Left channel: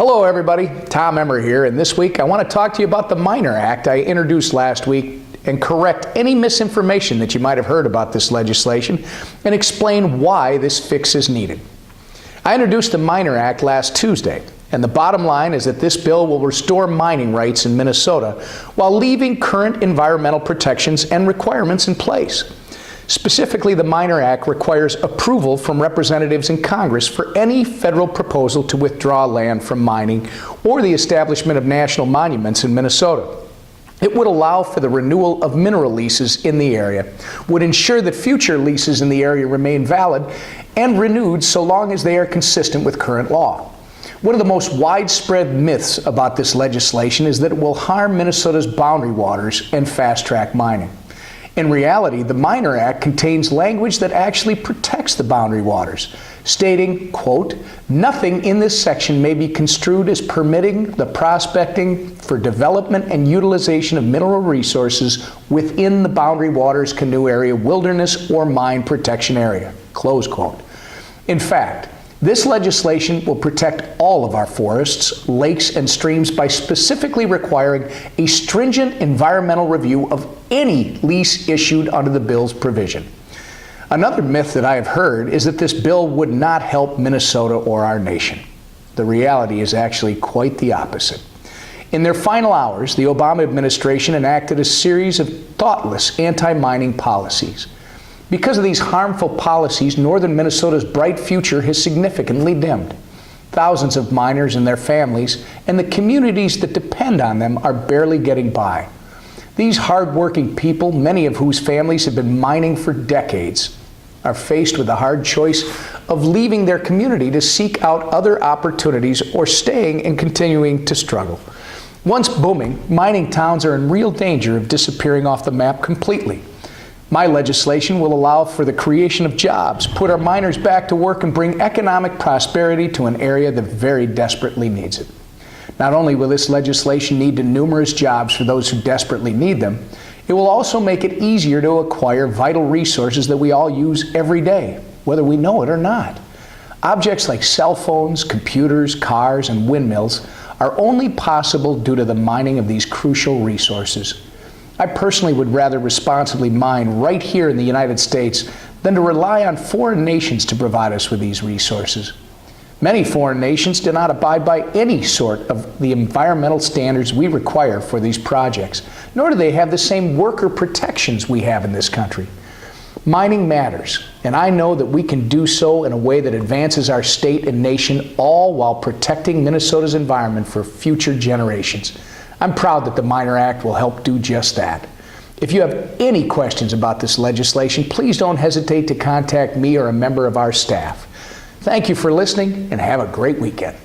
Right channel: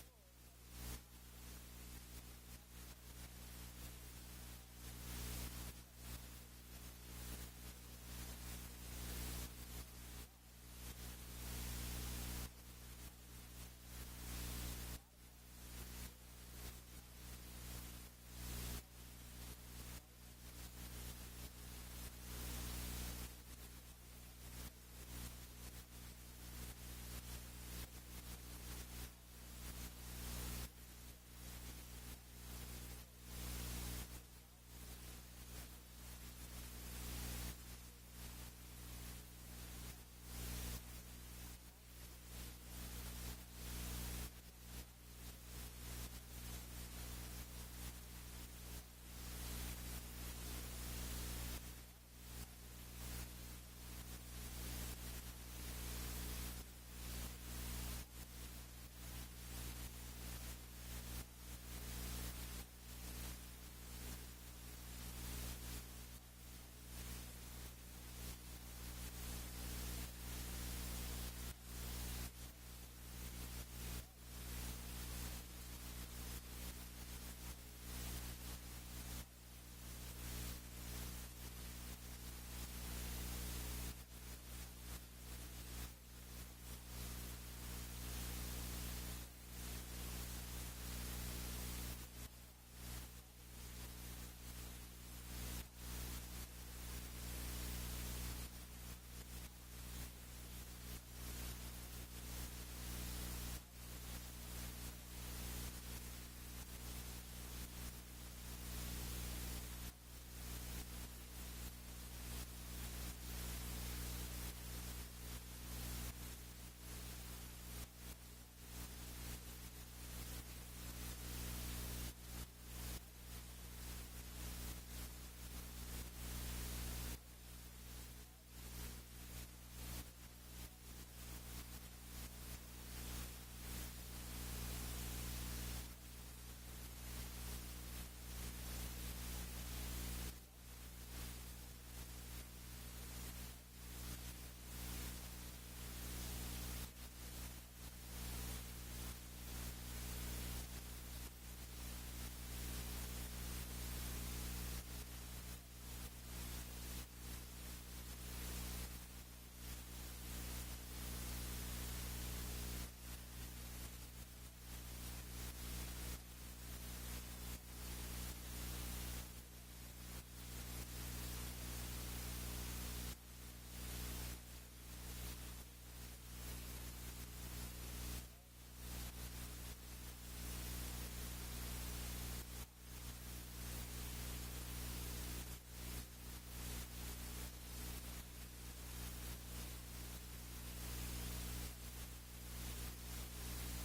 Hello everybody, Tom Emmer here, and this week I want to talk to you about the Miner Act I introduced last week and correct any misinformation that you might have heard about this legislation and explain why this fix is needed. I introduced the Miner Act last Tuesday, and the bottom line is that this bill will restore mining rights in Minnesota while leaving current environmental protections and requirements in place. Specifically, the Miner Act requires approval from representatives in Congress for any federal proposal to withdraw land from mining or the establishment of national monuments in Minnesota. It would allow for the renewal of mineral leases in the area, would ensure that future leases in the area remain valid and renewed so long as they are consistent with current law. One of the most widespread myths about this legislation is that it will harm Minnesota's boundary waters and fast-track mining. In reality, the Miner Act contains language that actually protects the boundary waters, stating, quote, "Nothing in this section may be construed as permitting the prospecting for development and utilization of mineral resources within the boundary waters, canoe area, wilderness, or mine protection area," close quote. In fact, this legislation will protect all of our forests, lakes, and streams by specifically requiring a stringent environmental review of any lease issued under the bill's provision. Another myth that I have heard is that this bill would not help Minnesota or our nation. The reality is actually quite the opposite. In their final hours, the Obama administration enacted a series of thoughtless anti-mining policies. Because of these harmful policies, northern Minnesota's bright future has significantly dimmed. Thousands of miners and their families and the communities that depend on them are barely getting by. These hard-working people, many of whose families have been mining for decades, are faced with the hard choice of leaving their community to seek out other opportunities or staying and continuing to struggle. Once booming, mining towns are in real danger of disappearing off the map completely. My legislation will allow for the creation of jobs, put our miners back to work, and bring economic prosperity to an area that very desperately needs it. Not only will this legislation lead to numerous jobs for those who desperately need them, it will also make it easier to acquire vital resources that we all use every day, whether we know it or not. Objects like cell phones, computers, cars, and windmills are only possible due to the mining of these crucial resources. I personally would rather responsibly mine right here in the United States than to rely on foreign nations to provide us with these resources. Many foreign nations do not abide by any sort of the environmental standards we require for these projects, nor do they have the same worker protections we have in this country. Mining matters, and I know that we can do so in a way that advances our state and nation, all while protecting Minnesota's environment for future generations. I'm proud that the Miner Act will help do just that. If you have any questions about this legislation, please don't hesitate to contact me or a member of our staff. Thank you for listening, and have a great weekend.